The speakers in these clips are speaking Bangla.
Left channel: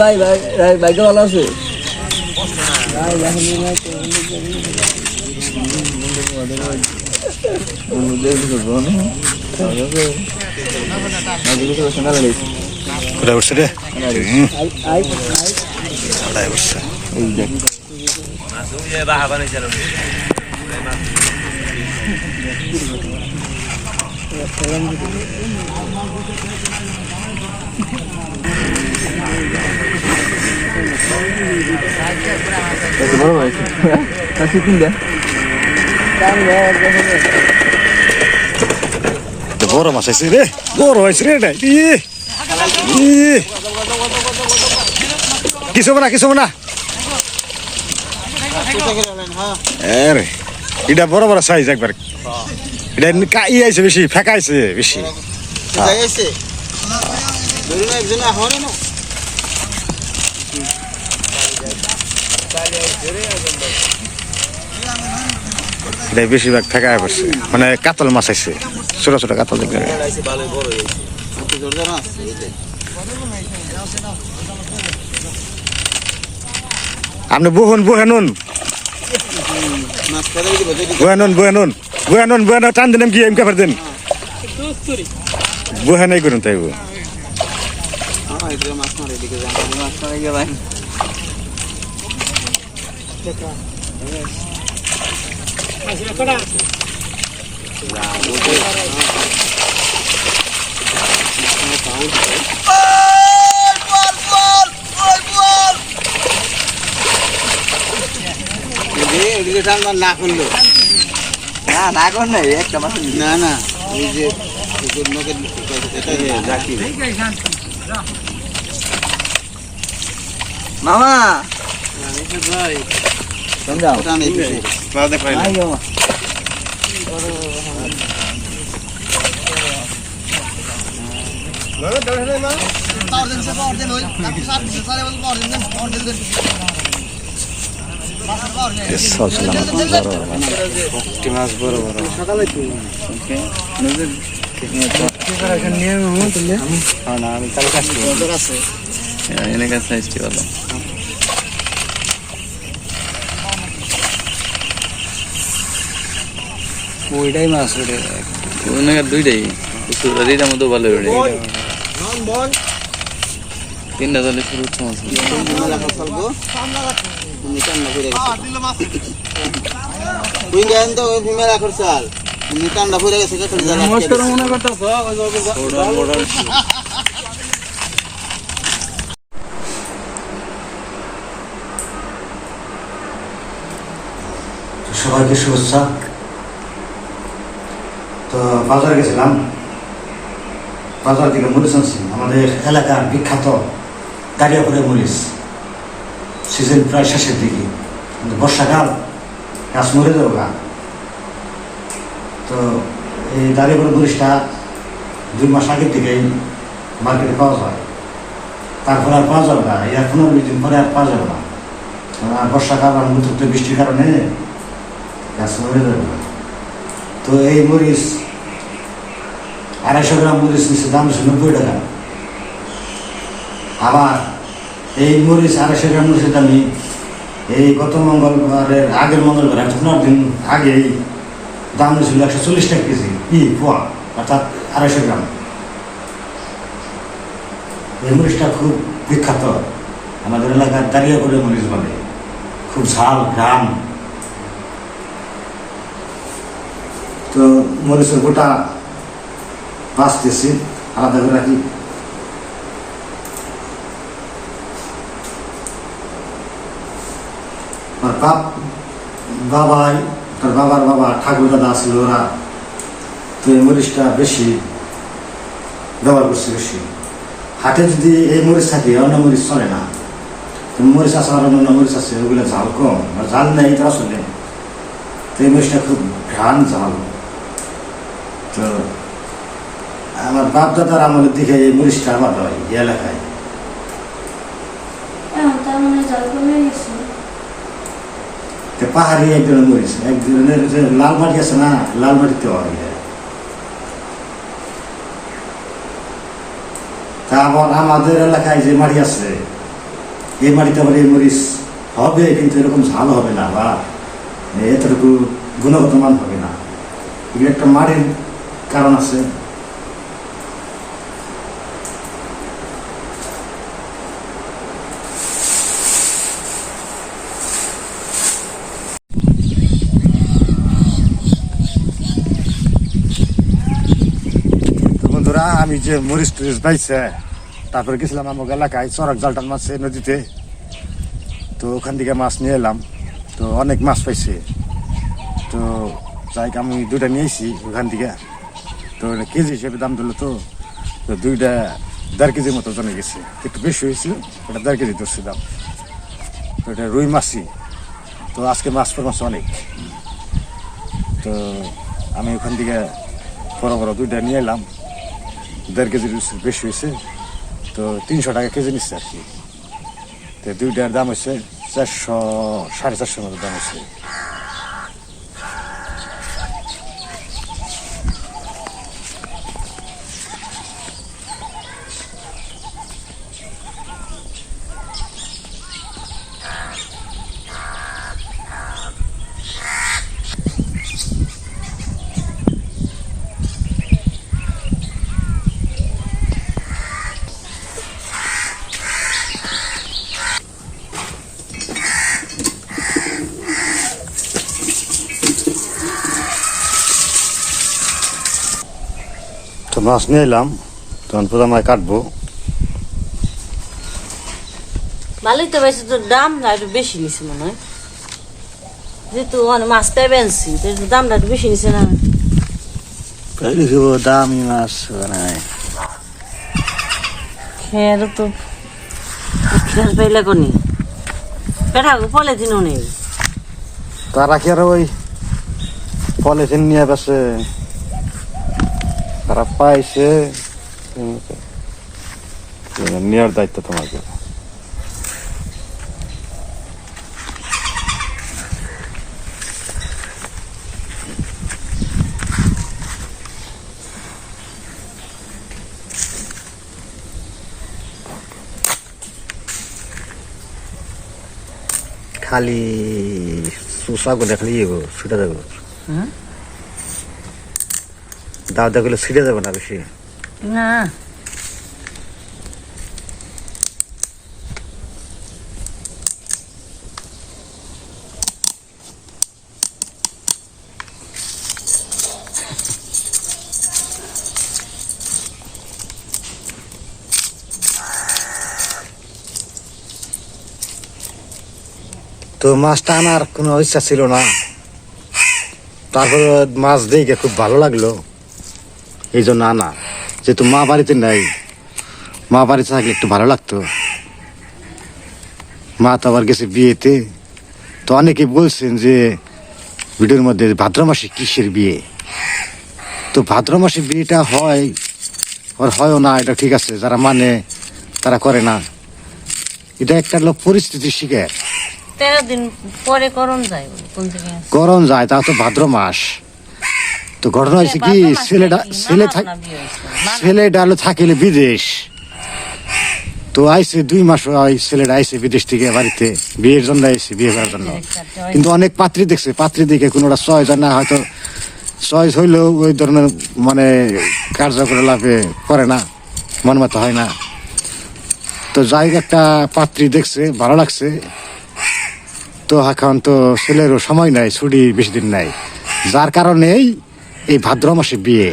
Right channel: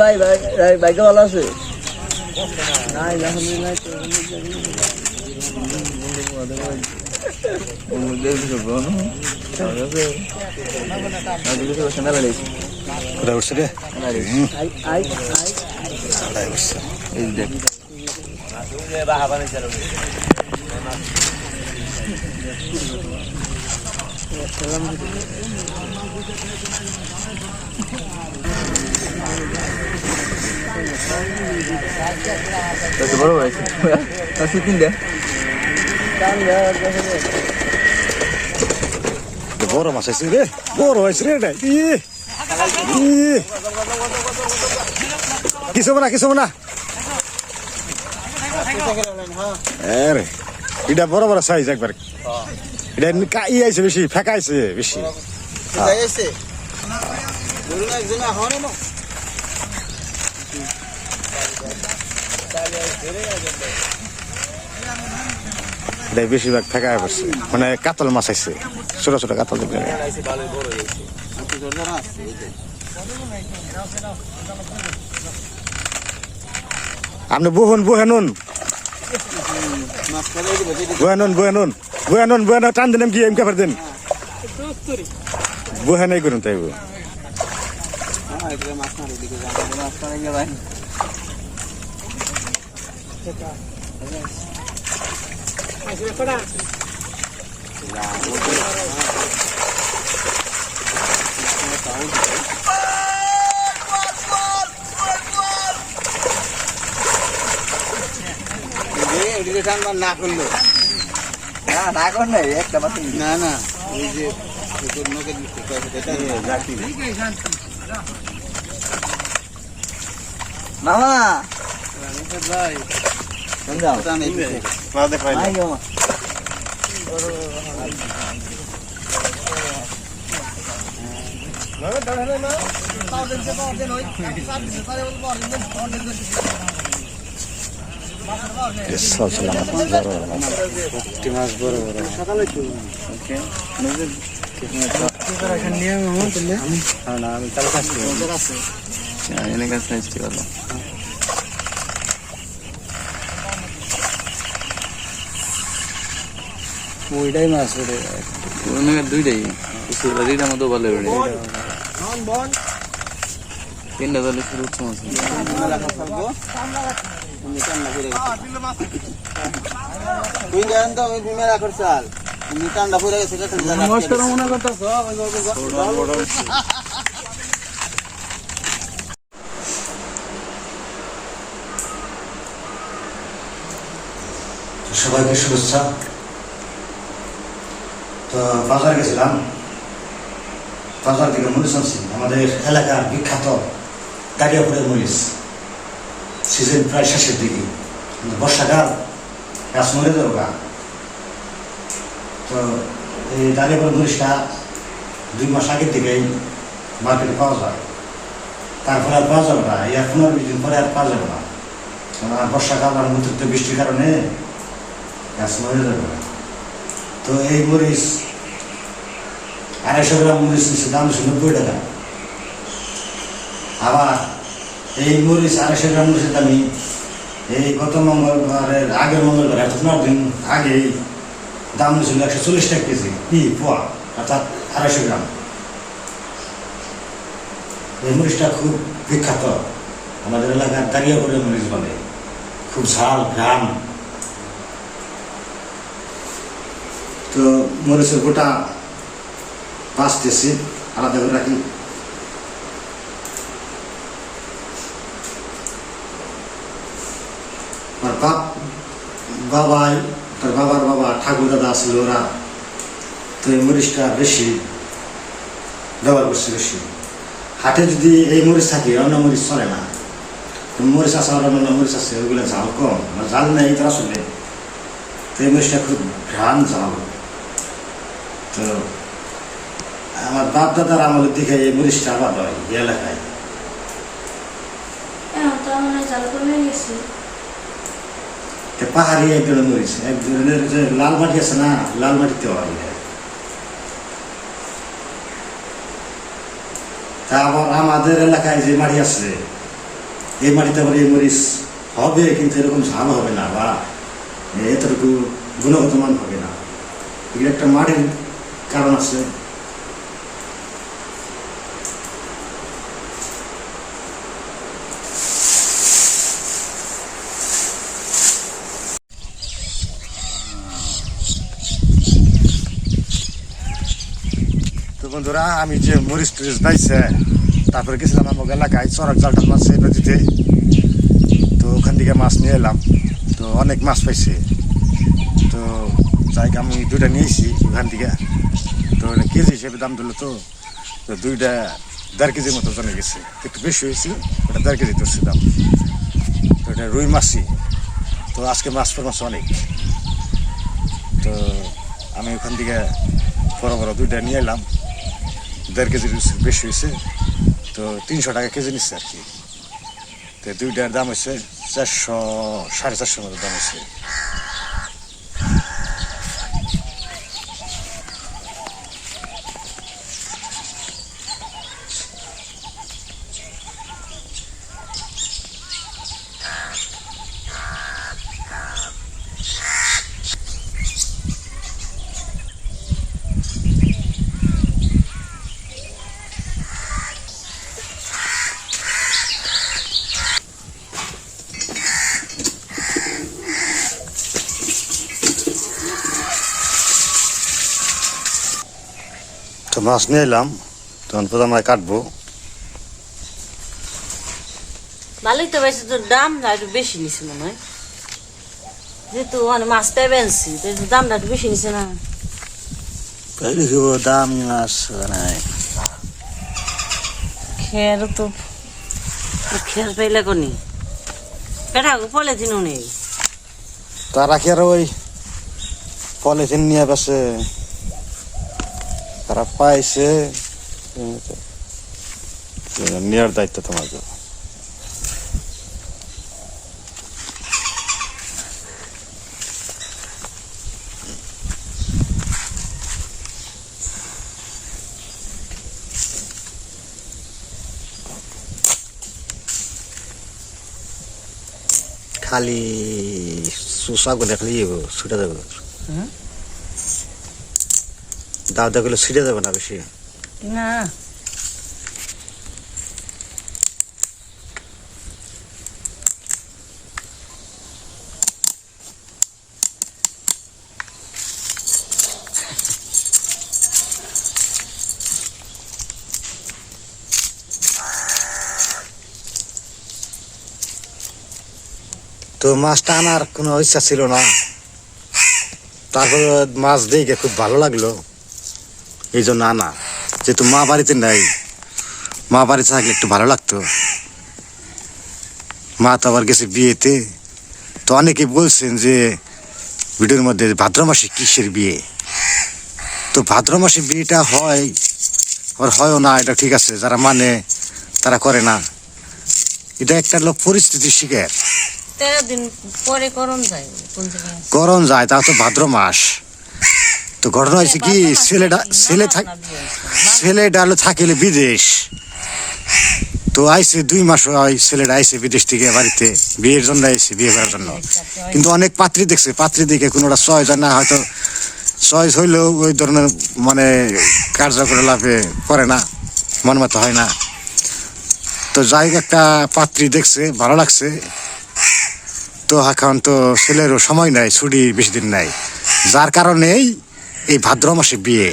ভাই ভাই ভাইকে ভালো আছে উঠছে রে উঠছে এই দেখ বড় ভাই কিনলে বড় মাছ আছে রে বড় হয়েছে রে এটা কিছু না আরে এটা বড় বড় সাইজ একবার এটা আইছে বেশি ফেকাইছে বেশি এটা বেশিরভাগ ফেকায় পড়ছে মানে কাতল মাছ আছে ছোট ছোট কাতল দেখবে আপনি বুহেনুন টান দিন কি এমকে ফের দিন বুহে নাই করুন তাই না করলো না কর নাই একটা মাছ না না এই যে মামা মাছ বড় বড় ওইটাই মাছ দুইটাই দুইটার মতো ভালো তিনটা দলে শুরু হচ্ছে সবাইকে শুভেচ্ছা। তো বাজার গেছিলাম, বাজার থেকে মরিচ আনছি। আমাদের এলাকার বিখ্যাত দাঁড়িয়াপুরের মরিচ, সিজন প্রায় শেষের দিকে, বর্ষাকাল গাছ মরে যাবো গা। তো এই দাঁড়িয়াপুরের মরিচটা 2 মাস আগের থেকেই মার্কেটে পাওয়া যায়, তারপরে আর পাওয়া যাবে না। এর 15-20 দিন পরে আর পাওয়া যাবে না। বর্ষাকাল আর অতিরিক্ত বৃষ্টির কারণে গাছ মরে যাবে না। তো এই মরিচ 250 গ্রাম মরিচ নিচ্ছে দাম ছিল 90 টাকা। আবার এই মরিচ 250 গ্রাম মরিচের দামি এই গত মঙ্গলবারের আগের মঙ্গলবার 8 দিন আগে দাম ছিল 140 টাকা কেজি পোয়া, অর্থাৎ 250 গ্রাম। এই মরিচটা খুব বিখ্যাত, আমাদের এলাকার দাঁড়িয়াপুরের মরিচ বলে। খুব ঝাল ঘ্রাম। তো মরিচের গোটা বাঁচতেছি, আলাদা করে রাখি। আর বাবাই, তার বাবার বাবা ঠাকুর দাদা ছিল, ওরা তো এই মরিচটা বেশি ব্যবহার করছে। বেশি হাটে যদি এই মরিচ থাকে, অন্য মরিচ চলে না। মরিচ আছে, আর অন্য মরিচ আছে, ওগুলো ঝাল কম, ঝাল নেই তো আসলে তো এই মরিচটা খুব ঘ্রাণ ঝাল। তো আমার বাপ দাদার আমলের দিকে এই মরিচটা আবাদ হয় এই এলাকায়। পাহাড়ি এক ধরনের মরিচ, এক ধরনের লাল মাটি আছে না, লাল মাটিতে হয়। তা আবার আমাদের এলাকায় যে মাটি আছে এই মাটিতে আবার এই মরিচ হবে, কিন্তু এরকম ঝাল হবে না বা এতটুকু গুণগত মান হবে না। এগুলো একটা মাটির কারণ আছে। বন্ধুরা, আমি যে মরিচ টরিচ পাইছে, তারপরে গেছিলাম আমার এলাকায় চরক জালটাল মাছ নদীতে। তো ওখান থেকে মাছ নিয়ে এলাম, তো অনেক মাছ পাইছে। তো যাই আমি 2টা নিয়েছি ওখান থেকে। তো কেজি হিসেবে দাম দিল। তো 2টা 1.5 কেজির মতো জমে গেছে, একটু বেশি হয়েছিল, ওটা 1.5 কেজি ধরছে দাম। তো এটা রুই মাছই। তো আজকে মাছ মাছ অনেক। তো আমি ওখান থেকে বড় বড় 2টা নিয়ে এলাম, 1.5 কেজির বেশি হয়েছে। তো 300 টাকা কেজি নিচ্ছে আর কি। তো 2টার দাম হচ্ছে 400, 450 মতো দাম হচ্ছে। তো মাছ নিয়ে এলাম, তখন প্রথমে কাটবো। ভালোই তো বেশি, তো দামটা একটু বেশি নিছে মনে হয়, যেহেতু মাছটা বেনছি তো একটু দামটা একটু বেশি নিছে না? দামি মাছ খেয়ার তো খেয়ার পাইলে কনি পেটা পলিথিনও নেই। তারা কি আর ওই পলিথিন নিয়ে গেছে, তারা পাইছে, নেওয়ার দায়িত্ব তোমাকে। খালি সুসা করে খালি ছুটে যাবে, দাদা গুলো ছিটে যাবে না বেশি না। তো মাছটা আনার কোনো ইচ্ছা ছিল না, তারপরে মাছ দেখে খুব ভালো লাগলো, এই জন্য আনা। যেহেতু মা বাড়িতে নাই, মা বাড়িতে থাকলে একটু ভালো লাগতো। মা তো আবার গেছে বিয়েতে। তো অনেকে বলছেন যে ভিডিওর মধ্যে ভাদ্র মাসে কিসের বিয়ে। তো ভাদ্র মাসে বিয়েটা হয় আর হয়ও না, এটা ঠিক আছে, যারা মানে তারা করে না। এটা একটা লোক পরিস্থিতির শিকার। 13 দিন পরে করণ যায়, করণ যায়, তা তো ভাদ্র মাস। তো ঘটনা হয়েছে কি, ছেলেটা থাকিলে বিদেশ। তো আইসে 2 মাস হয়, ছেলেটা আইসে বিদেশ থেকে বাড়িতে বিয়ের জন্য আইসে, বিয়ে করার জন্য। কিন্তু অনেক পাত্রী দেখছে, পাত্রী দেখে কোনোটা চয়েস হয় না, হয়তো চয়েস হইলেও ওই ধরনের মানে কার্যকলাপে করে না, মন মতো হয় না। তো যাই একটা পাত্রী দেখছে, ভালো লাগছে। তো এখন তো ছেলেরও সময় নাই, ছুটি বেশি দিন নাই, যার কারণেই এই ভাদ্র মাসে বিয়ে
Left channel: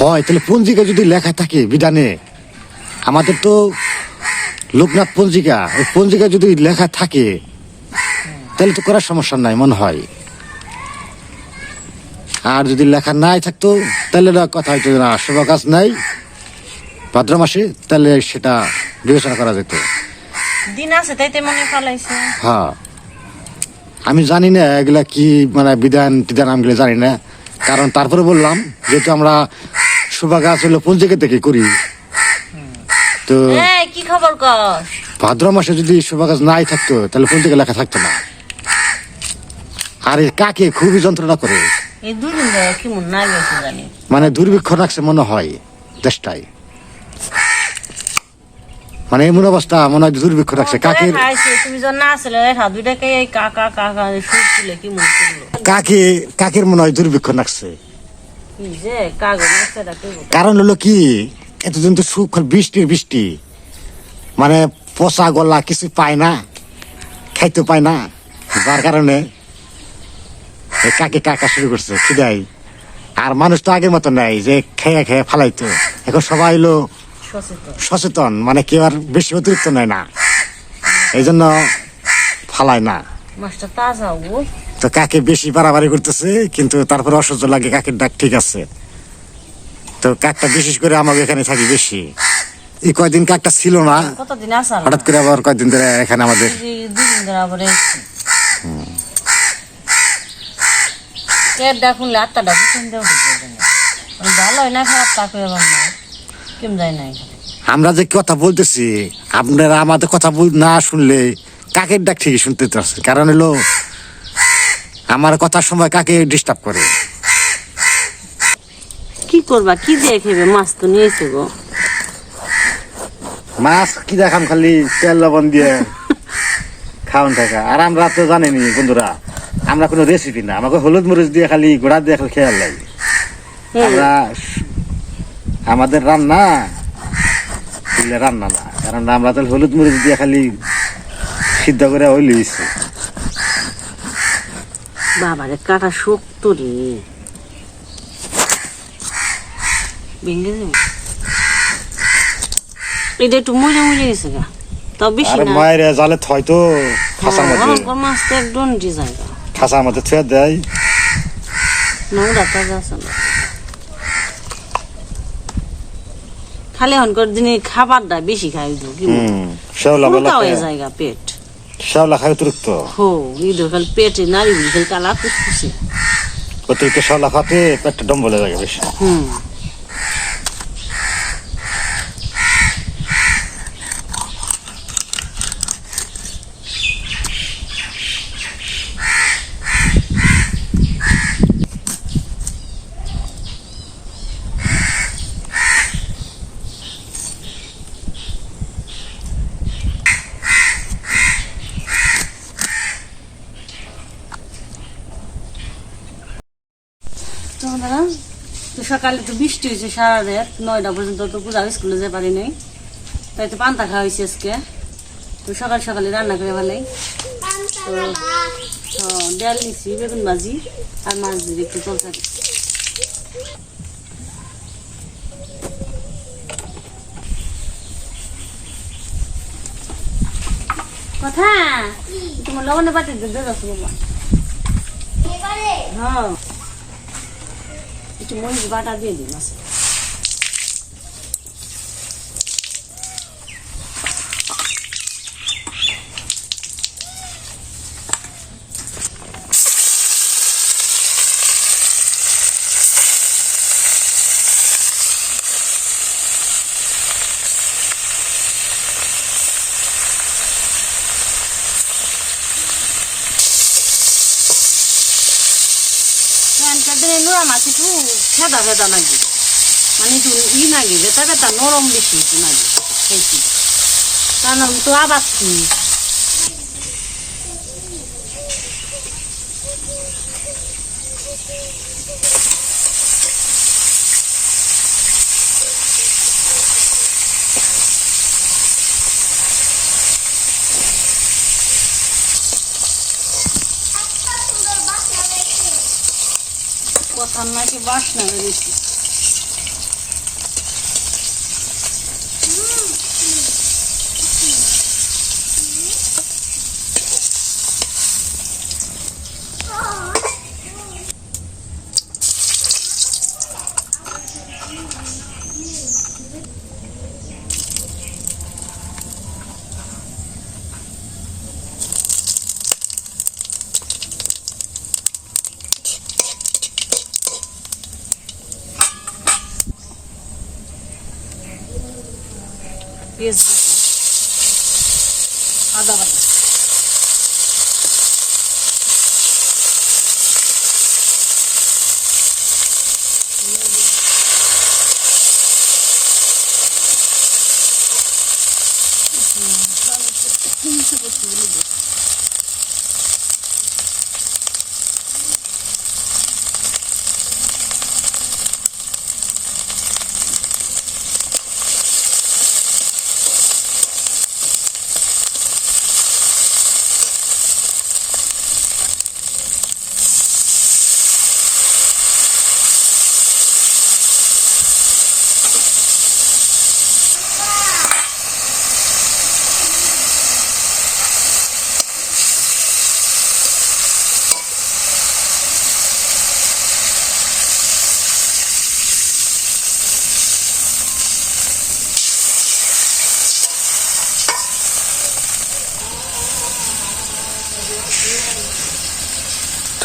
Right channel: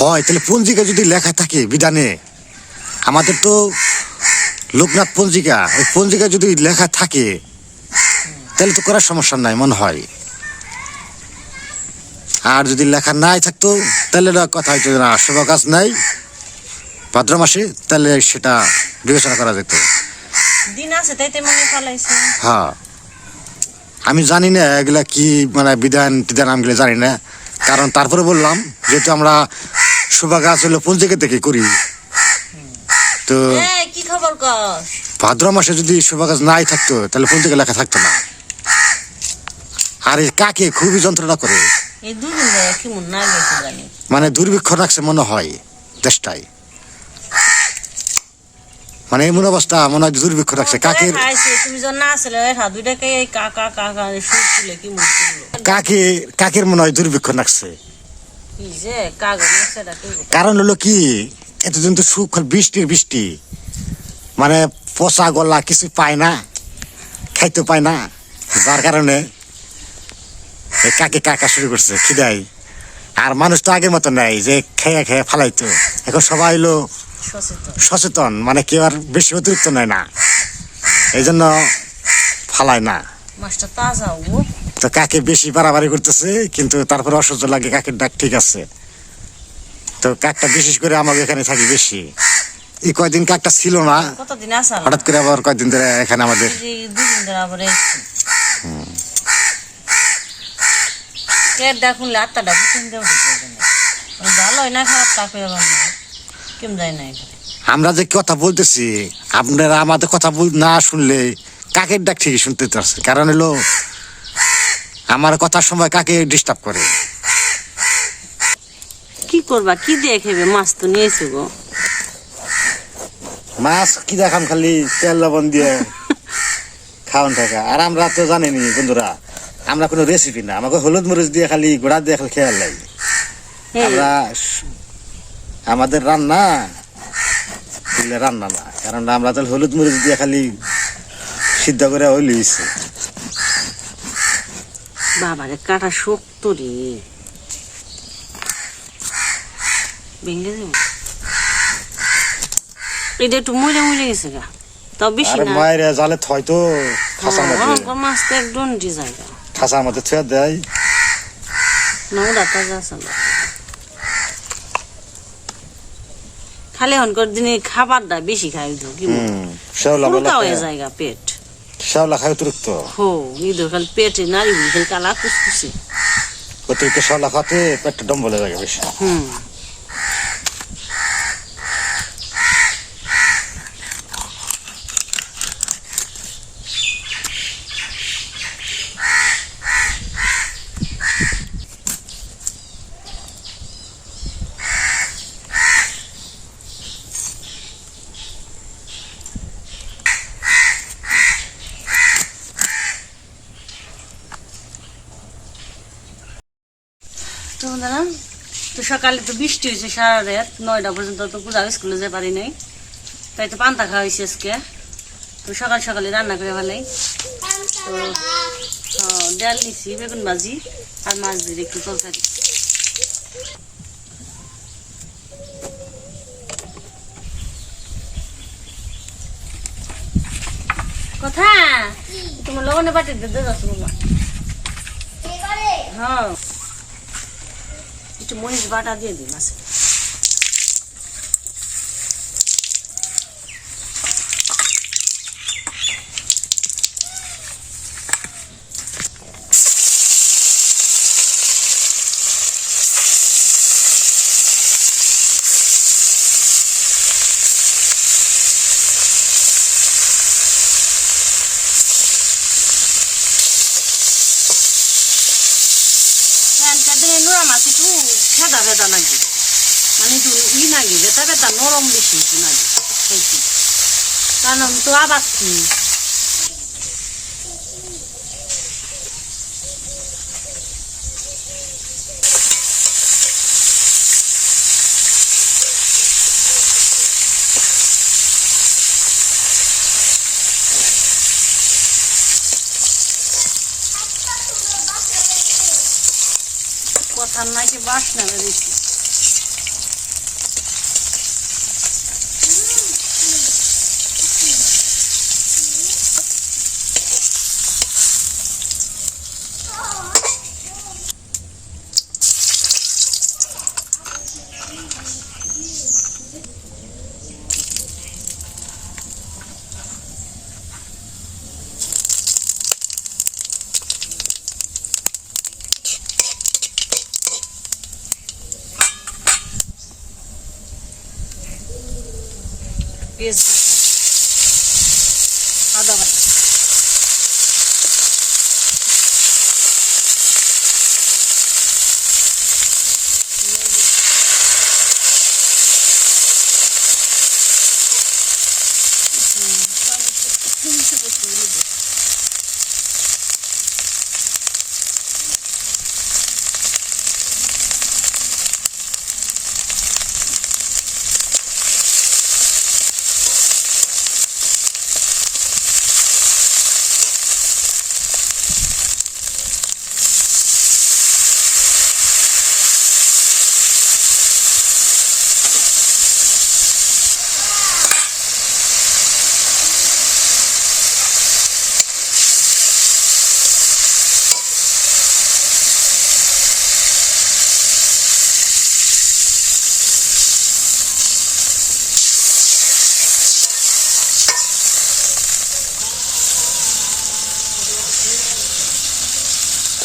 হয়। তাহলে পঞ্জিকা যদি লেখা থাকে বিধানে, আমাদের তো লোকনাথ পঞ্জিকা, ওই পঞ্জিকা যদি লেখা থাকে তাহলে তো করার সমস্যা নাই মনে হয়। আর যদি লেখা নাই থাকতো তাহলে কথা হইতো না, শুভ কাজ নাই ভাদ্র মাসে, তাহলে সেটা বিবেচনা করা যেত। দিন আছে তাইতে মনে ফলাইছে। হ্যাঁ আমি জানি না এগুলা কি মানে বিধান টিধান আমগুলো জানি না, কারণ তারপরে বললাম যেহেতু আমরা শোভা গাছ হলো পঞ্জিকা থেকে করি, তো কি খবর কর? ভাদ্র মাসে যদি শোভা গাছ নাই থাকতো তাহলে পঞ্জিকা লেখা থাকতো না। আর এই কাকে খুবই যন্ত্রণা করে, এই দুদিন ধরে কি মন না গেছে জানি, মানে দুর্ভিক্ষ রাখছে মনে হয় দেশটাই, মানে এমন অবস্থা মনে হয় দুর্ভিক্ষ রাখছে। কাকের তুমি যখন না আসলে দুইটাকে কাকা কাকা সুর ছিল কি মন করলো, কাকের মনে হয় দুর্ভিক্ষ রাখছে। কি যে কাগজ সেটা কি কারণ হলো কি এতদিন তো সুখ বৃষ্টি মানে পচা গলা কিছু পায় না, খাইতে পায় না, যার কারণে কাকে কাকা শুরু করছে খিদাই। আর মানুষ তো আগের মতো নাই যে খেয়ে খেয়ে ফালাইতো, এখন সবাই হলো সচেতন, মানে কেউ আর বেশি অতিরিক্ত নেয় না, এই জন্য ফালায় না। মাছটা তাজা তো কাকে বেশি বাড়াবাড়ি করতেছে, কিন্তু তারপরে অসহ্য লাগে, কাকের ডাক ঠিক আছে। তো কাকটা বিশেষ করে আমাকে এখানে থাকি বেশি, এই কয়দিন কাকটা ছিল না, কতদিন আসা হঠাৎ করে আবার কয়দিন ধরে এখানে আমাদের দুদিন ধরে আবার দেখুন আত্মাটা বুঝেন দেওয়া ভালো হয় না, খারাপ তা করে আবার না কেম যায় না এখানে। আমরা যে কথা বলতেছি আপনারা আমাদের কথা না শুনলে কাকের ডাক ঠিকই শুনতে পারছে, কারণ হলো আমার কথার সময় কাকে ডিস্টার্ব করে। কি করবা, কি দিয়ে খেবে? মাছ তো নিয়েছে গো, মাছ কি দেখাম, খালি তেল লবণ দিয়ে খাওয়ান থাকা। আর আমরা তো জানিনি বন্ধুরা, আমরা কোনো রেসিপি না, আমাকে হলুদ মরিচ দিয়ে খালি গোড়া দিয়ে খালি খেয়াল লাগে। আমরা আমাদের রান্না না, কারণ আমরা তো হলুদ মরিচ দিয়ে খালি সিদ্ধ করে ওই লইছি। বাবারে কাটা শক্ত রে, ভেঙে যাবো। এটা একটু মরে গেছে গা, তাও বেশি না। মায়ের জালে থয় তো খাঁচার মধ্যে, মাছ তো একদম জায়গা খাঁচার মধ্যে থুয়ে দেয়। নোংরা তাজা আছে না, খালি হনকর দিনে খাবারটা বেশি খাই কি জায়গা পেট শ্যাওলা খায় অতিরিক্ত। হো ইঁদুর খালি পেটে নারী বুঝি খালি কালা কুসকুসে, অতিরিক্ত শ্যাওলা খাতে পেটটা ডম্বলে লাগে বেশি। তো সকালে তো বৃষ্টি হয়েছে সারা রাত, 9টা পর্যন্ত তো পূজা স্কুলে যেতে পারি নাই, তাই তো পান্তা খাওয়া হয়েছে আজকে। তো সকালে রান্না করে ভালাই, তো ডাল নিছি, বেগুন ভাজি আর মাছ দিয়ে একটু তরকারি। কথা তোমার লবণে বাটি দিতে যাচ্ছ বাবা, হ্যাঁ একটু মরিচ বাটা দিয়ে দিন আছে। নোরা মাছ একটু ফেদা নাকি, মানে একটু নাকি বেতা নরম বেশি একটু নাকি খেয়েছি, কারণ তো আবার কথার নাকি বাসনা বেরিয়েছি। পেঁয়াজ বাটা, আদা বাটা।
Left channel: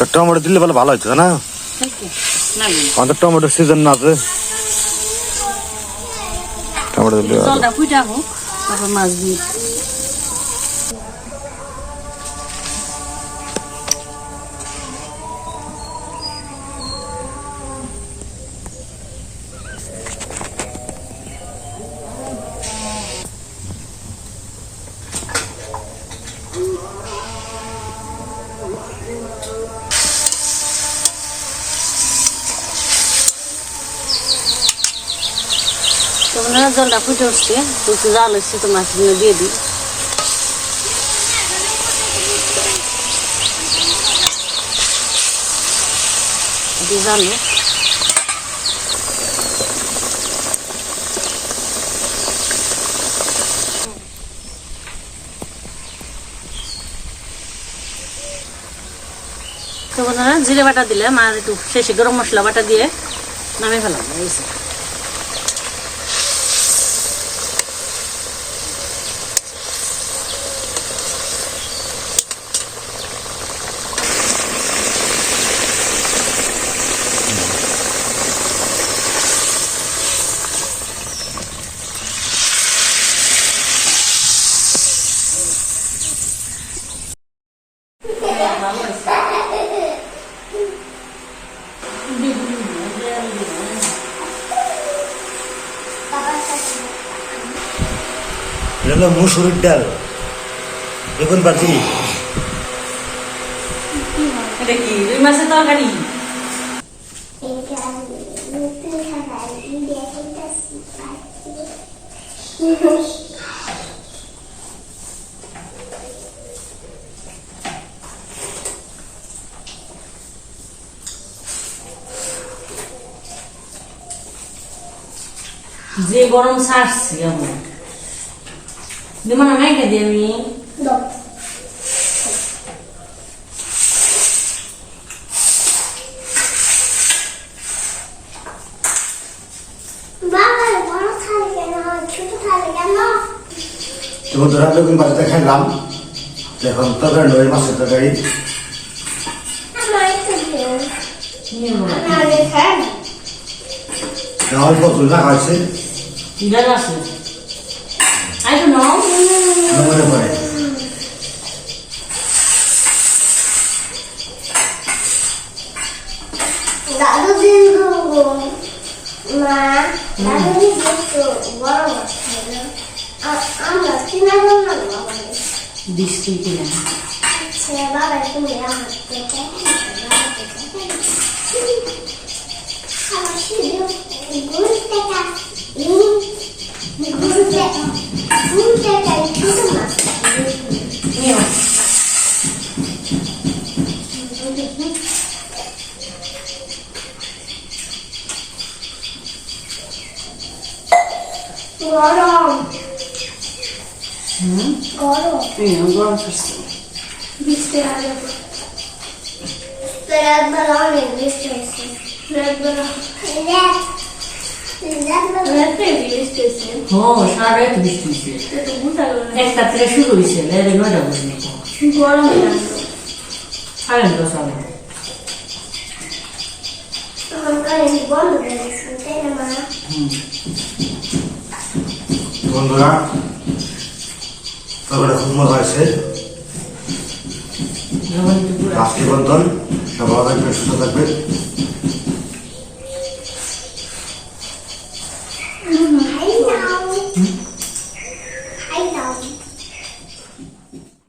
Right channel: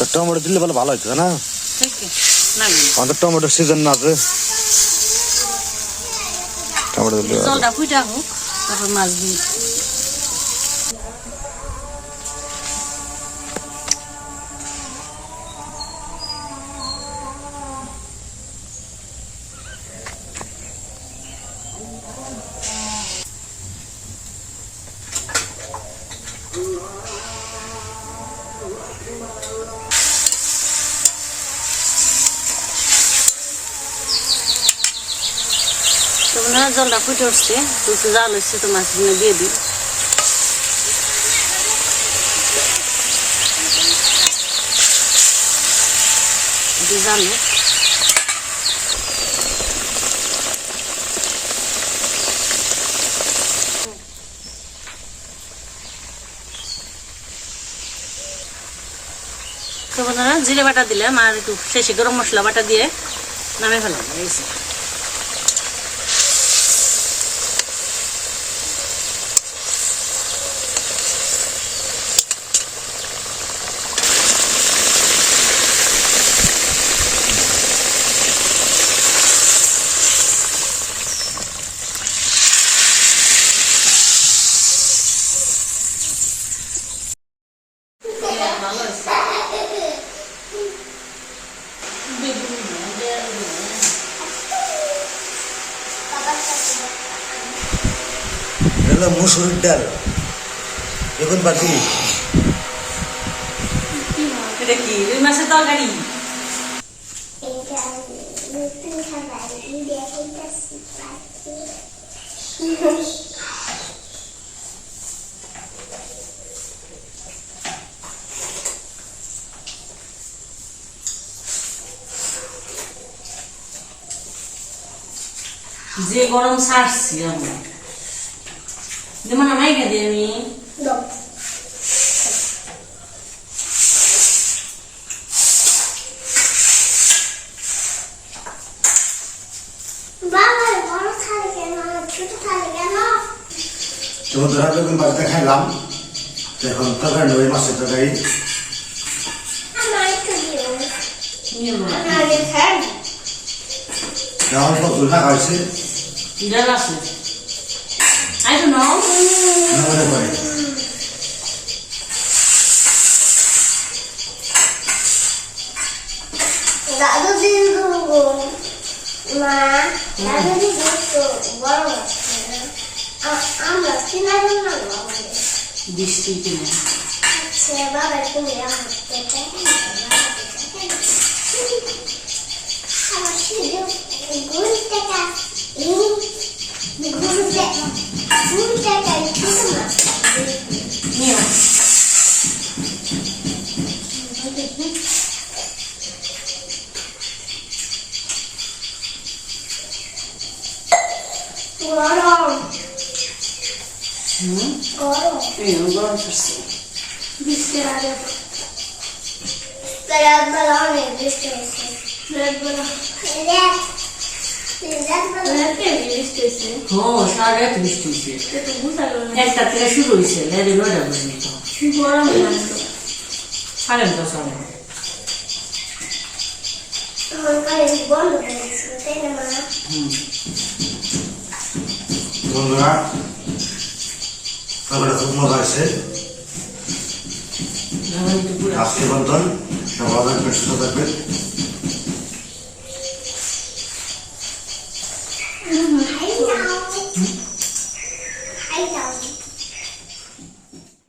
তো টমেটো দিলে বলে ভালো হইতো না, আমাদের টমেটোর সিজন না আছে, টমেটো দিলে জলটা ফুটা হোক, তারপর মাছ দিই। জলটা ফুটে উঠছে, একটু জাল হচ্ছে, তো মাছগুলো দিয়ে দিই। জানো তো বন্ধুরা, জিরে বাটা দিলাম আর একটু শেষে গরম মশলা বাটা দিয়ে নামে ফেলাম। এটা হলো মুসুরির ডাল, বেগুন পাতি। এটা কি রুই মাছের তরকারি? যে গরম ছাড়ছি আমার দিমানা মাইকে দে আমি তো ধরা বেগুন বাড়িতে খাইলাম, এখন তরকারি নয়, মাছের তরকারি। অল্প তুলনা খাইছে, আছে I don't know. মনে পড়ে দাদু দিন মা দাদু দিন বড় আমরা কিনা না বৃষ্টি কিনা সে বাবা তুমি আমার গরম গরম গরম করছে বৃষ্টি আগে রাতবেলা অনেক বৃষ্টি হয়েছে রাতবেলা সারা রাত বৃষ্টি হয়েছে, একটা থেকে শুরু হয়েছে, রাতে 9টা পর্যন্ত গরম সাড়ে 9টা সাড়ে বন্ধ হয়ে গেছে তাই না মা? বন্ধুরা তবে খুব মজা হয়েছে। আজকে বন্ধন সব ভালো থাকবে, সুস্থ থাকবে। I know.